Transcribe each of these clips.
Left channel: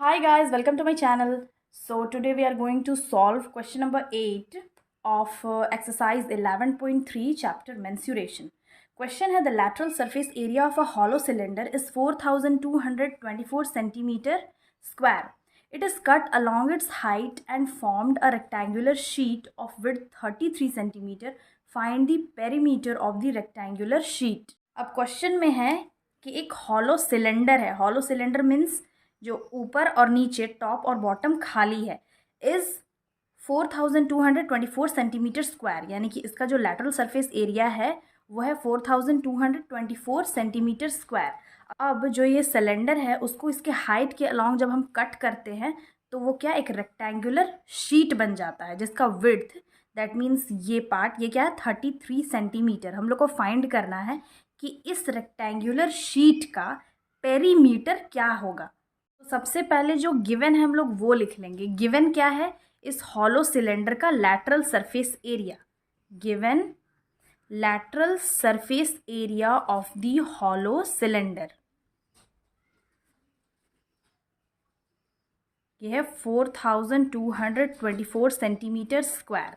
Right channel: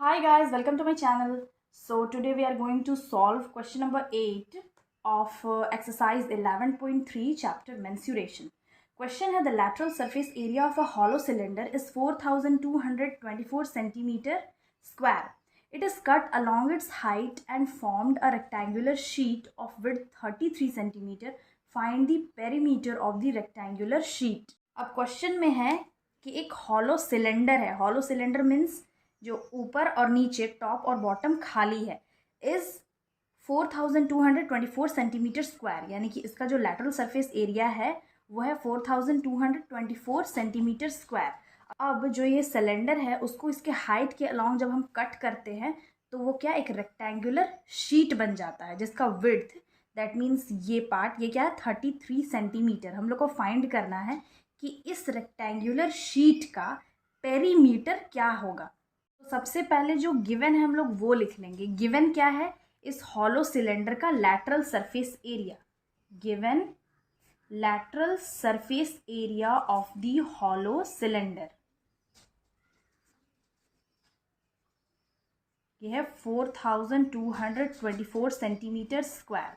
Hi guys, welcome to my channel. So today we are going to solve question number 8 of exercise 11.3 chapter mensuration. Question है the lateral surface area of a hollow cylinder is 4224 centimeter square. It is cut along its height and formed a rectangular sheet of width 33 centimeter. Find the perimeter of the rectangular sheet. अब question में है कि एक hollow cylinder है. Hollow cylinder means जो ऊपर और नीचे टॉप और बॉटम खाली है. इज 4224 सेंटीमीटर स्क्वायर, यानी कि इसका जो लैटरल सरफेस एरिया है वो है 4224 सेंटीमीटर स्क्वायर. अब जो ये सिलेंडर है उसको इसके हाइट के अलॉन्ग जब हम कट करते हैं तो वो क्या एक रेक्टेंगुलर शीट बन जाता है जिसका विड्थ दैट मीन्स ये पार्ट ये क्या है 33 सेंटीमीटर. हम लोग को फाइंड करना है कि इस रेक्टेंगुलर शीट का पेरीमीटर क्या होगा. तो सबसे पहले जो गिवन है हम लोग वो लिख लेंगे. गिवन क्या है? इस हॉलो सिलेंडर का lateral surface area. Given lateral surface area of the hollow cylinder ये है 4224 सेंटीमीटर स्क्वायर.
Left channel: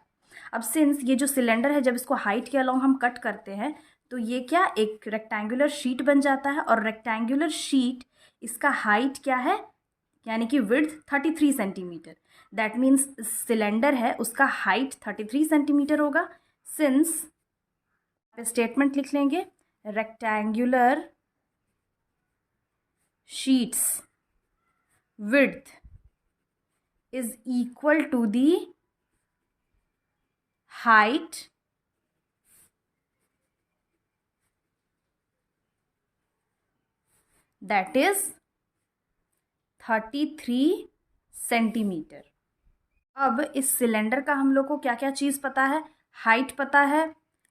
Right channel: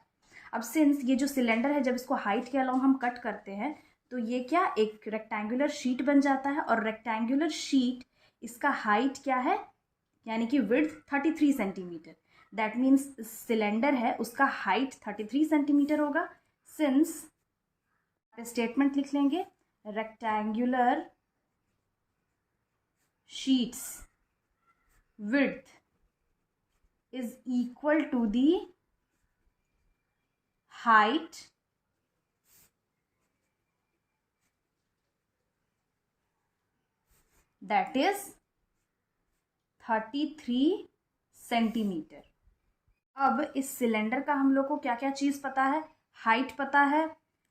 अब सिंस ये जो सिलेंडर है जब इसको हाइट के अलॉन्ग हम कट करते हैं तो ये क्या एक रेक्टेंगुलर शीट बन जाता है. और रेक्टेंगुलर शीट इसका हाइट क्या है यानी कि width 33 centimetre. That means cylinder है उसका हाइट 33 सेंटीमीटर होगा. सिंस स्टेटमेंट लिख लेंगे rectangular sheets width is equal to the height that is 33 centimetre. अब इस सिलेंडर का हम लोग को क्या क्या चीज़ पता है. हाइट पता है,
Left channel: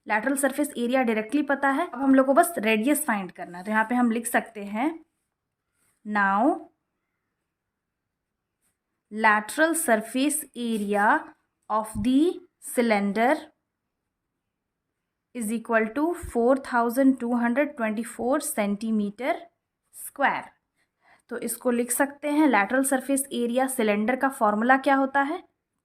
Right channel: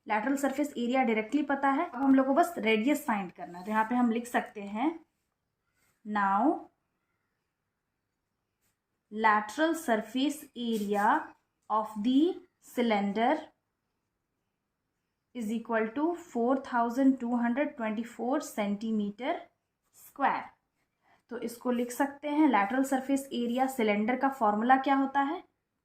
लैटरल सरफेस एरिया डायरेक्टली पता है. अब हम लोग को बस रेडियस फाइंड करना है. तो यहाँ पे हम लिख सकते हैं now lateral surface area of the cylinder is equal to 4224 centimetre square. तो इसको लिख सकते हैं लैटरल सरफेस एरिया सिलेंडर का फॉर्मूला क्या होता है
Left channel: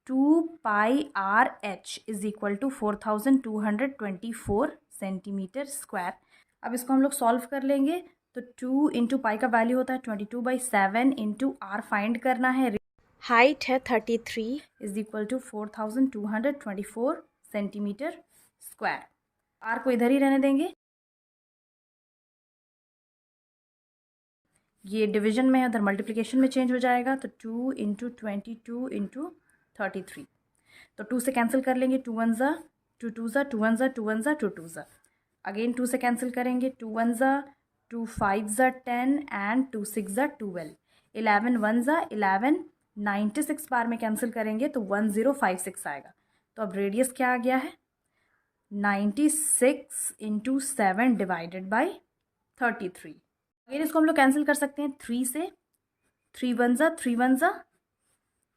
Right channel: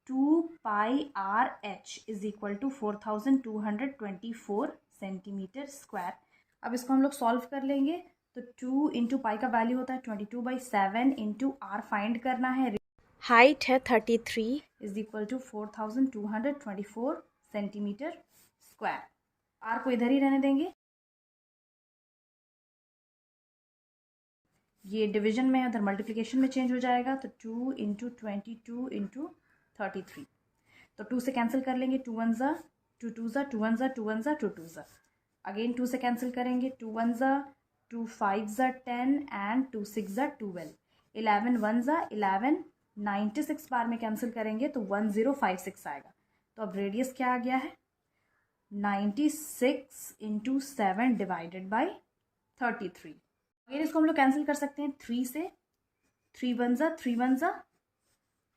2πRH is equal to 4224 centimetre square. अब इसको हम लोग सॉल्व कर लेंगे. तो 2 इंटू पाई का वैल्यू होता है 22/7 इंटू आर फाइंड करना है. हाइट है 33 is equal to 4224 centimetre square. R को इधर ही रहने देंगे. ये डिवीजन में है उधर मल्टीप्लिकेशन में चेंज हो जाएगा. तो 2 इंटू 22 इंटू 33. तो 2 से कैंसिल कर लेंगे. 2 1 ज़ा 2 2 ज़ा 2 1 ज़ा 2 1 ज़ा 2 2 ज़ा. अगेन 2 से कैंसिल करेंगे. 2 1 ज़ा 2 5 ज़ा 10 एंड 2 6 ज़ा 12. 11 1 ज़ा 11 96 बार में कैंसिल करेंगे तो 1056 आएगा. तो अब रेडियस क्या आ गया है 96 इंटू 7 डिवाइडेड बाई 33. अगर इसको हम लोग कैंसिल कर सकते हैं 3 से. 3 1 ज़ा 3 1 ज़ा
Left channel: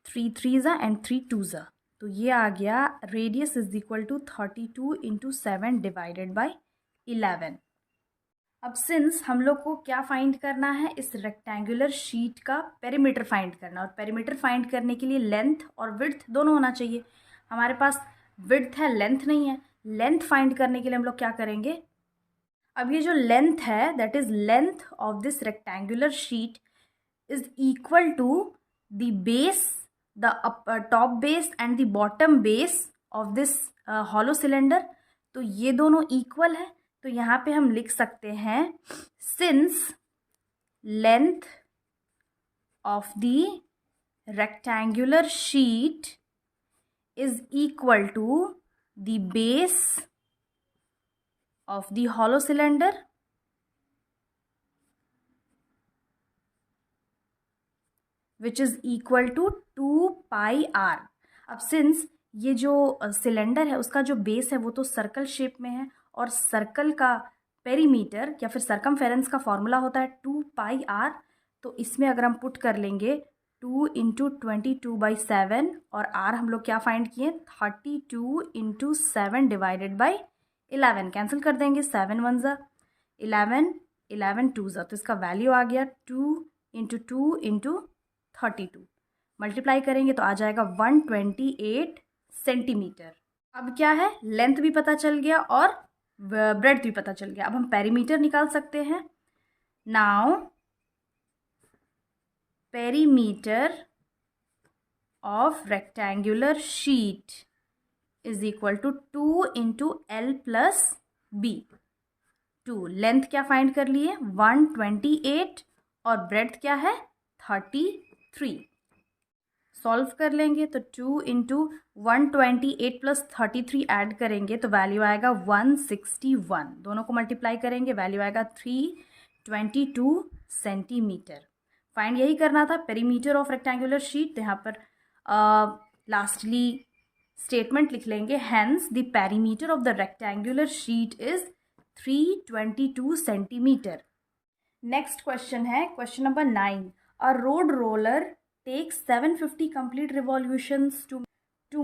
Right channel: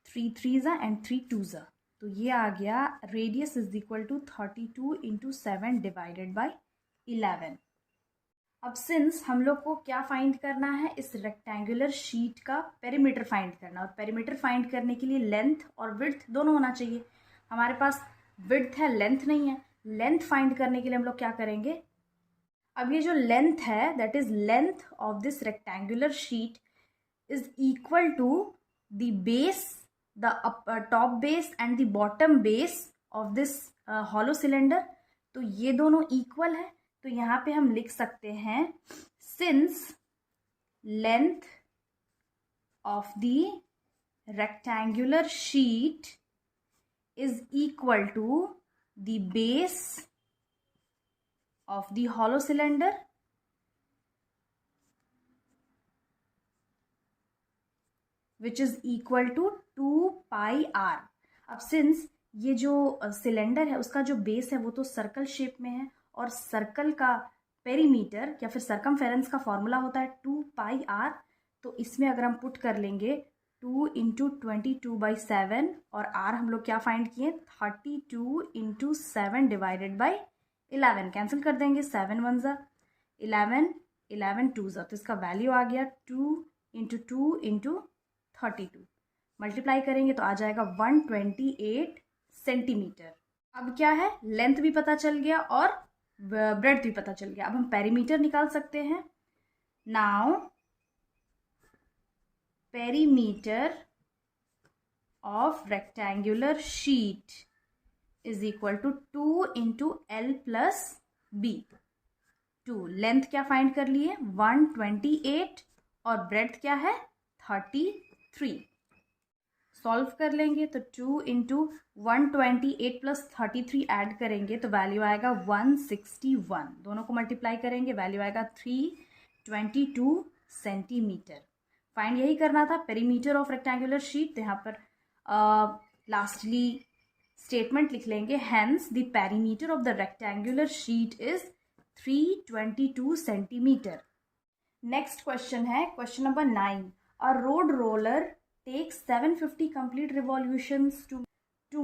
3 3 ज़ा एंड 3 2 ज़ा. तो ये आ गया radius is equal to 32 into 7 divided by 11. अब सिंस हम लोग को क्या फाइंड करना है इस रेक्टेंगुलर शीट का पेरीमीटर फाइंड करना. और पेरीमीटर फाइंड करने के लिए लेंथ और विड्थ दोनों होना चाहिए. हमारे पास विड्थ है लेंथ नहीं है. लेंथ फाइंड करने के लिए हम लोग क्या करेंगे. अब ये जो लेंथ है that is length of this rectangular sheet is equal to the base the top base and the bottom base of this hollow cylinder. तो ये दोनों इक्वल है. तो यहाँ पे हम लिख सकते हैं since length of the rectangular sheet is equal to the base of the hollow cylinder which is equal to 2πR. अब सिंस ये जो सिलेंडर है उसका जो बेस है वो तो सर्कल शेप में है और सर्कल का पेरीमीटर या फिर सरकमफेरेंस का फॉर्मूला होता है 2πR. तो इसमें अगर हम पुट कर लेंगे 2 इंटू 22/7 और R हम लोग क्या फाइंड किए 32 इंटू 7 डिवाइडेड बाई 11. कैंसिल कर देंगे. 7 1 ज़ा 11 11 2 ज़ा. तो इसका वैल्यू आ गया 2 इंटू 2 इंटू 32 मल्टीप्लाई करेंगे तो आ जाएगा 128 सेंटीमीटर। अब क्या है, लेंथ भी पता चल गया और ब्रेड्थ भी पता चल गया। अब हम पेरीमीटर निकाल सकते हैं। Now perimeter of rectangular sheet is equal to 2 into L plus B. 2 length क्या फाइंड कर लिए 128 और ब्रेड्थ क्या है 33। सॉल्व कर लेंगे तो 2 इंटू 128 प्लस 33 ऐड करेंगे तो वैल्यू आएगा 161। दोनों को मल्टीप्लाई करेंगे वैल्यू आएगा 322 सेंटीमीटर। फाइंड यही करना था, पेरीमीटर ऑफ रेक्टेंगुलर शीट। तो यहाँ पर लास्टली स्टेटमेंट लिख लेंगे, hence the perimeter of the rectangular sheet is 322 centimetre. Next question है question number 9। A road roller takes 750 complete revolutions to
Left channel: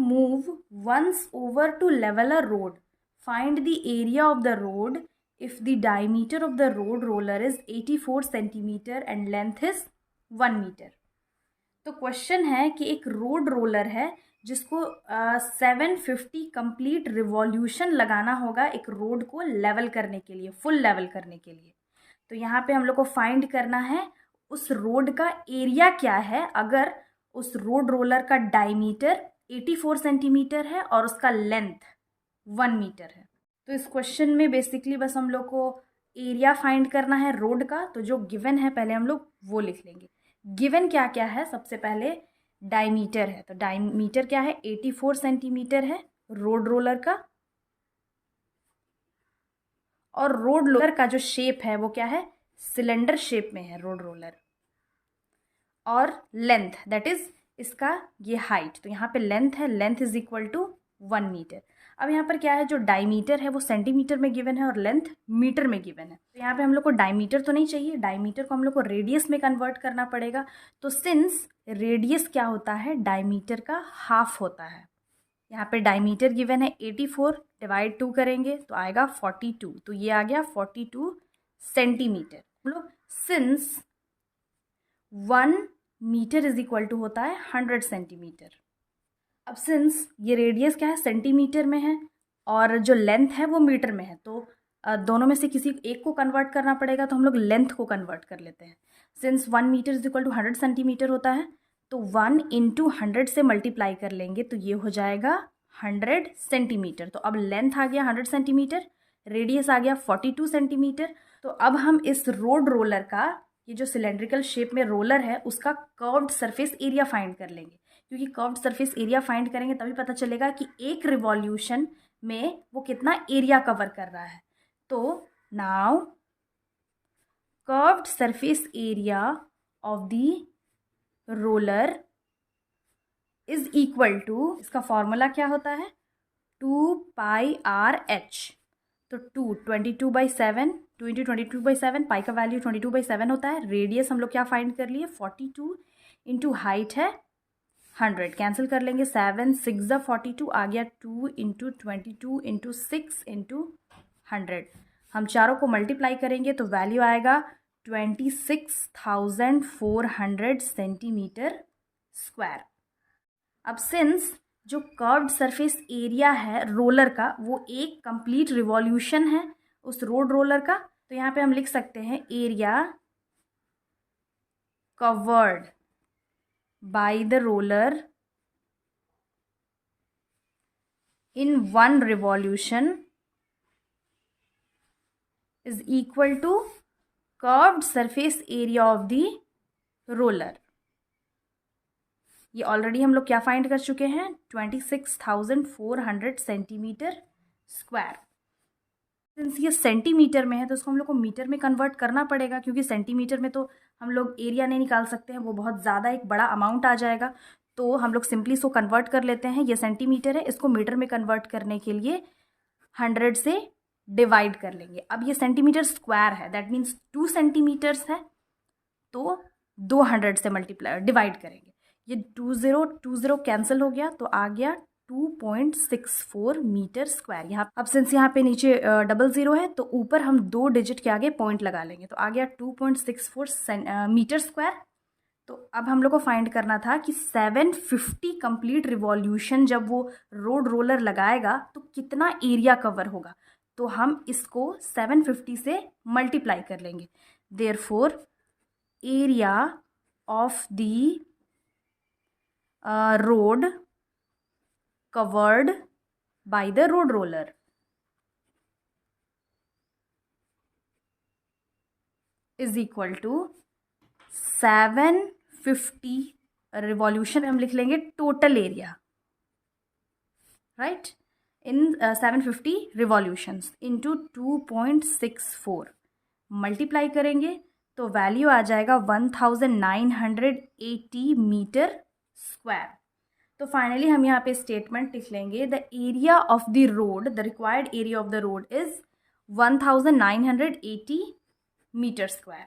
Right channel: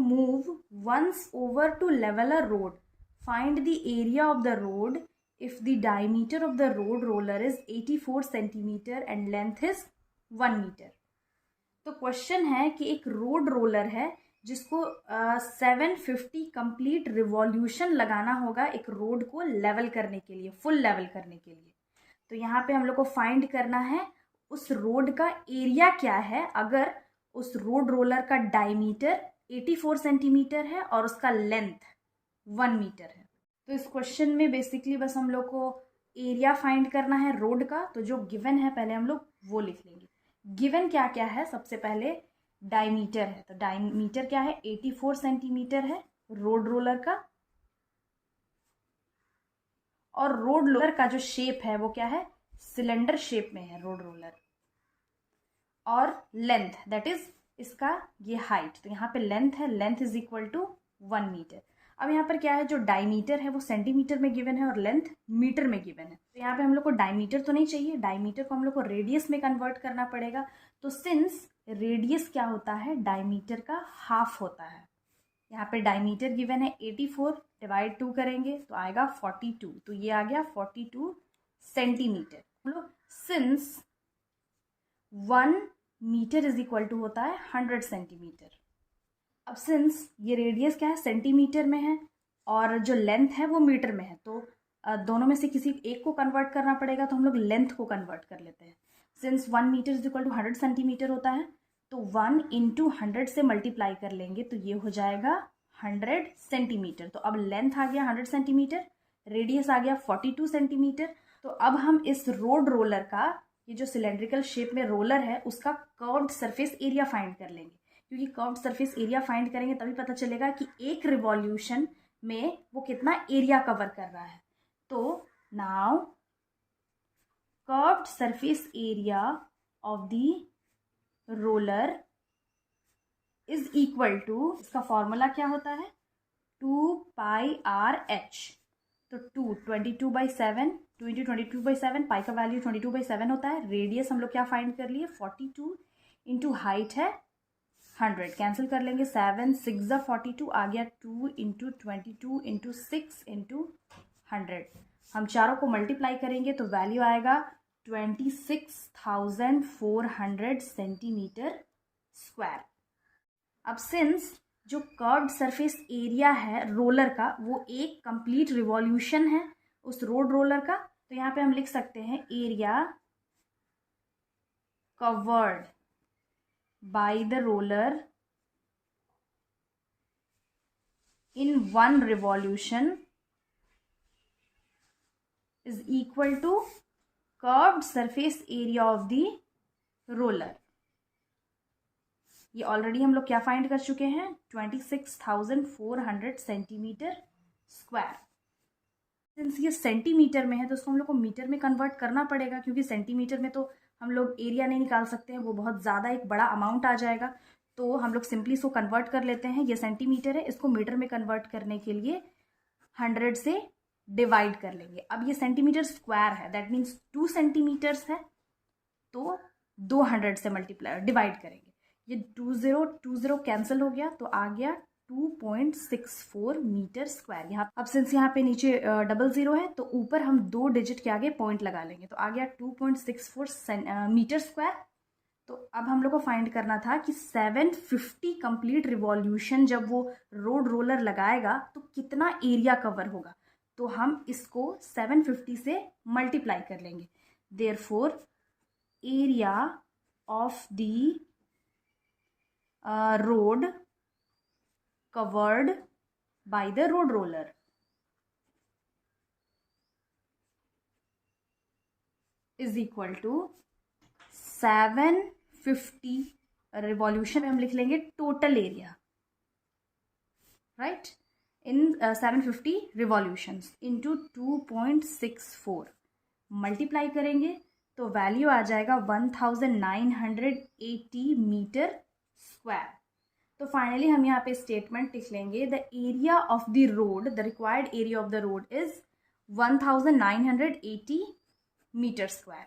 move once over to level a road. Find the area of the road if the diameter of the road roller is 84 centimeter and length is 1 meter. तो question है कि एक road roller है जिसको 750 complete revolution लगाना होगा एक road को लेवल करने के लिए, फुल लेवल करने के लिए। तो यहाँ पे हम लोग को फाइंड करना है उस रोड का एरिया क्या है अगर उस रोड रोलर का डायमीटर 84 सेंटीमीटर है और उसका लेंथ 1 मीटर है। तो इस क्वेश्चन में बेसिकली बस हम लोग को एरिया फाइंड करना है रोड का। तो जो गिवन है पहले हम लोग वो लिख लेंगे। गिवन क्या क्या है, सबसे पहले डायमीटर है। तो डायमीटर क्या है 84 सेंटीमीटर है रोड रोलर का, और रोड रोलर का जो शेप है वो क्या है सिलेंडर शेप में है रोड रोलर। और लेंथ दैट इज इसका ये हाइट, तो यहाँ पे लेंथ है, length is equal to 1 metre. अब यहाँ पर क्या है जो डायमीटर है वो सेंटीमीटर में गिवन है और लेंथ मीटर में गिवन है। तो यहाँ पे हम लोग को डायमीटर तो नहीं चाहिए, डायमीटर को हम लोग को रेडियस में कन्वर्ट करना पड़ेगा। तो सिंस रेडियस क्या होता है डायमीटर का हाफ होता है, यहाँ पे डायमीटर गिवन है 84 डिवाइड 2 करेंगे तो आएगा 42। तो ये आ गया 42 सेंटीमीटर। बोलो since 1 metre is equal to होता है 100 सेंटीमीटर। अब सिंस ये रेडियस क्या है सेंटीमीटर में है और जो लेंथ है वो मीटर में है, तो दोनों में से किसी एक को कन्वर्ट करना पड़ेगा। तो हम लोग लेंथ को कन्वर्ट कर लेते हैं। Since 1 metre is equal to 100 centimetre होता है तो 1 इंटू 100 से मल्टीप्लाई कर लेंगे तो ये हो जाएगा 100 सेंटीमीटर। तो अब लेंथ आ गया 100 सेंटीमीटर, रेडियस आ गया 42 सेंटीमीटर। तो अब हम इस रोड रोलर का ये जो सिलेंड्रिकल शेप में रोलर है उसका कर्व्ड सरफेस एरिया फाइंड कर लेंगे, क्योंकि कर्व्ड सरफेस एरिया फाइंड करेंगे तभी पता चलेगा कि एक रिवॉल्यूशन में वो कितना एरिया कवर कर रहा है। तो now curved surface area of the roller is equal to, इसका फॉर्मूला क्या होता है 2πr/h। तो 22/7, 2 इंटू 22/7, पाई का वैल्यू 22/7 होता है। रेडियस हम लोग क्या फाइंड कर लिए 42 इंटू हाइट है 100, कैंसिल कर लेंगे 7 6 42 आ गया 2 इंटू 22 इंटू 6 इंटू 100। हम चारों को मल्टीप्लाई करेंगे तो वैल्यू आएगा 26,400 सेंटीमीटर स्क्वायर। अब सिंस जो कर्व्ड सरफेस एरिया है रोलर का वो एक कंप्लीट रिवॉल्यूशन है उस रोड रोलर का, तो यहाँ पे हम लिख सकते हैं area covered by the roller in 1 revolution is equal to curved surface area of the roller. ये ऑलरेडी हम लोग क्या फाइंड कर चुके हैं 26,400 सेंटीमीटर स्क्वायर। सिंस ये सेंटीमीटर में है तो उसको हम लोग को मीटर में कन्वर्ट करना पड़ेगा, क्योंकि सेंटीमीटर में तो हम लोग एरिया नहीं निकाल सकते हैं, वो बहुत ज़्यादा एक बड़ा अमाउंट आ जाएगा। तो हम लोग सिंपली इसको कन्वर्ट कर लेते हैं। ये सेंटीमीटर है, इसको मीटर में कन्वर्ट करने के लिए 100 से डिवाइड कर लेंगे। अब ये सेंटीमीटर स्क्वायर है, दैट मीन्स 2 सेंटीमीटर्स है, तो 200 से मल्टीप्लाई डिवाइड करेंगे। ये 20 कैंसिल हो गया तो आ गया 2.64 मीटर स्क्वायर। यहाँ अब सिंस यहाँ पे नीचे 00 है तो ऊपर हम 2 डिजिट के आगे पॉइंट लगा लेंगे तो आ गया 2.64 मीटर स्क्वायर। तो अब हम लोग को फाइंड करना था कि 750 कंप्लीट रिवॉल्यूशन जब वो रोड रोलर लगाएगा तो कितना एरिया कवर होगा। तो हम इसको 750 से मल्टीप्लाई कर लेंगे। Therefore area of the road covered by the road roller is equal to 750 revolution हम लिख लेंगे total area, right, in 750 revolutions into 2.64 multiply करेंगे तो वैल्यू आ जाएगा 1980 मीटर स्क्वायर। तो फाइनली हम यहाँ पे स्टेटमेंट लिख लेंगे the area of the road, the required area of the road is 1980 metre square.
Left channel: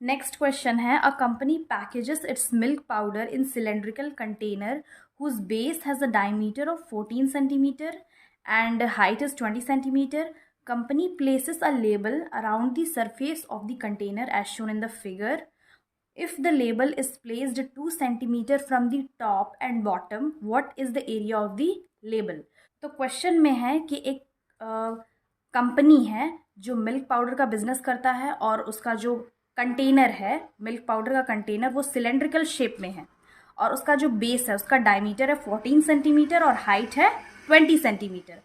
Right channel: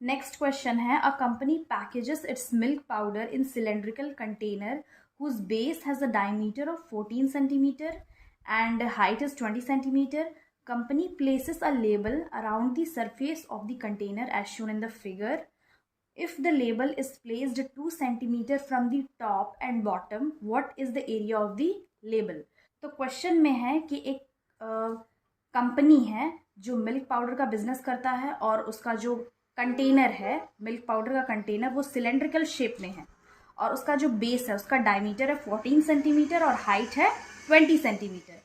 Next question है a company packages its milk powder in cylindrical container whose base has a diameter of 14 centimeter and height is 20 centimeter. Company places a label around the surface of the container as shown in the figure. If the label is placed 2 centimeter from the top and bottom, what is the area of the label? तो question में है कि एक company है जो milk powder का business करता है और उसका जो कंटेनर है मिल्क पाउडर का कंटेनर वो सिलेंड्रिकल शेप में है और उसका जो बेस है उसका डायमीटर है 14 सेंटीमीटर और हाइट है 20 सेंटीमीटर।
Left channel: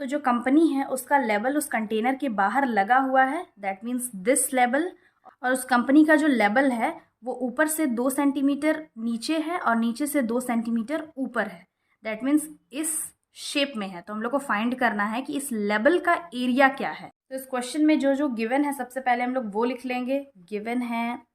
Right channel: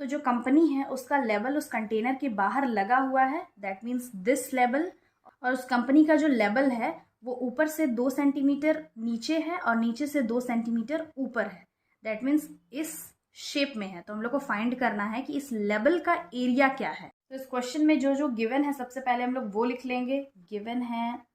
तो जो कंपनी है उसका लेबल उस कंटेनर के बाहर लगा हुआ है, दैट मीन्स दिस लेबल, और उस कंपनी का जो लेबल है वो ऊपर से 2 सेंटीमीटर नीचे है और नीचे से 2 सेंटीमीटर ऊपर है, दैट मीन्स इस शेप में है। तो हम लोग को फाइंड करना है कि इस लेबल का एरिया क्या है। तो इस क्वेश्चन में जो जो गिवन है सबसे पहले हम लोग वो लिख लेंगे। गिवन है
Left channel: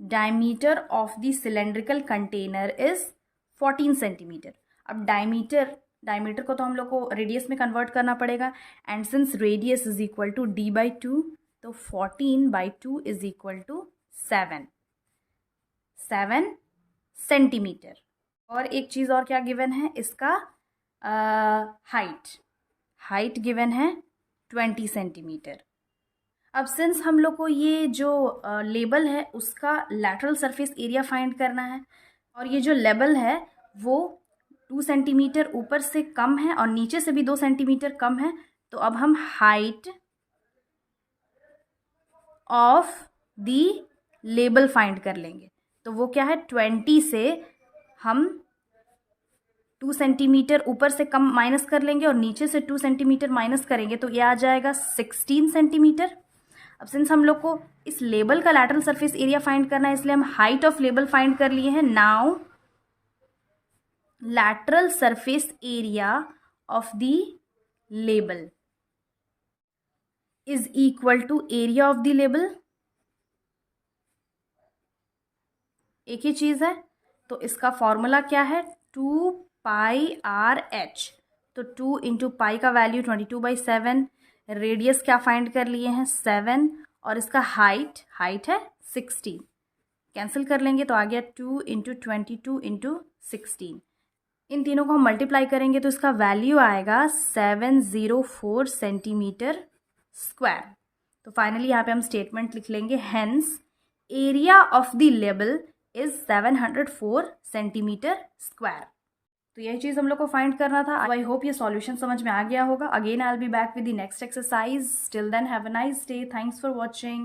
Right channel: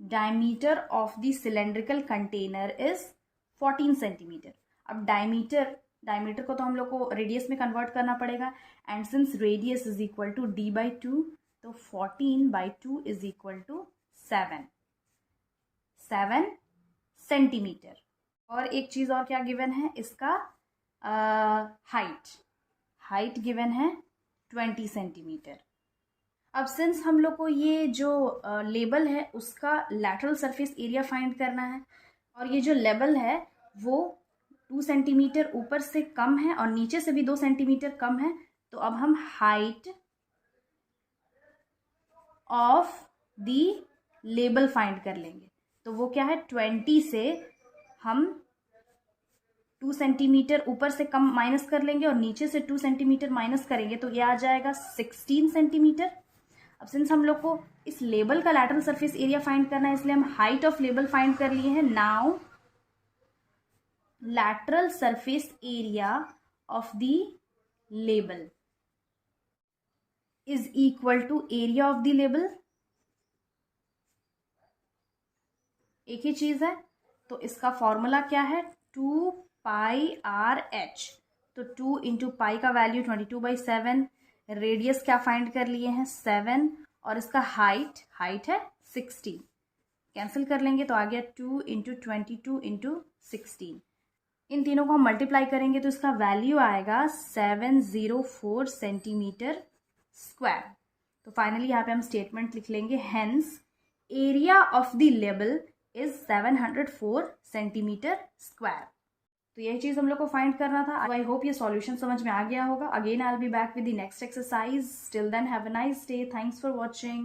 diameter of the cylindrical container is 14 centimetre. अब डायमीटर को तो हम लोग को रेडियस में कन्वर्ट करना पड़ेगा and since radius is equal to d/2 तो 14/2 इज इक्वल टू 7 सेंटीमीटर। और एक चीज़ और क्या गिवन है, इसका हाइट गिवन है 20 सेंटीमीटर। अब सिंस हम लोग को ये जो लेबल है उसका लैटरल सरफेस एरिया फाइंड करना है और ये जो लेबल है वो 2 सेंटीमीटर ऊपर से कम है और नीचे से भी 2 सेंटीमीटर कम है, तो अब हम height of the label find कर लेंगे। तो वो क्या है, 20 से हम 2 सेंटीमीटर ऊपर से कम माइनस कर लेंगे और नीचे से 2 सेंटीमीटर माइनस करेंगे तो ये आ जाएगा 16 सेंटीमीटर। अब सिंस हम लोग को इस लेबल का लैटरल सरफेस एरिया फाइंड करना है इसलिए हम हाइट ऑफ लेबल फाइंड कर लिए हैं। Now lateral surface area of the label is equal to area of the label. एक ही चीज है तो इसका फॉर्मूला क्या है, 2πRH। तो 2 इंटू पाई का वैल्यू 22/7, रेडियस क्या फाइंड कर लिए हैं 7 और इसका हाइट है 16, कैंसिल कर लेंगे तो आ गया 2 इंटू 22 इंटू 16। इन तीनों को हम मल्टीप्लाई करेंगे तो इसका वैल्यू आएगा 704 सेंटीमीटर स्क्वायर। तो फाइनली यहाँ पे हम स्टेटमेंट लिख लेंगे, hence area of the label is 704 centimetre square. तो यही चीज़ हम लोग को फाइंड करना था। आई होप ये सॉल्यूशन समझ में आ गया होगा। Again I will be back with the next exercise. Till then have a nice day. Thanks for watching.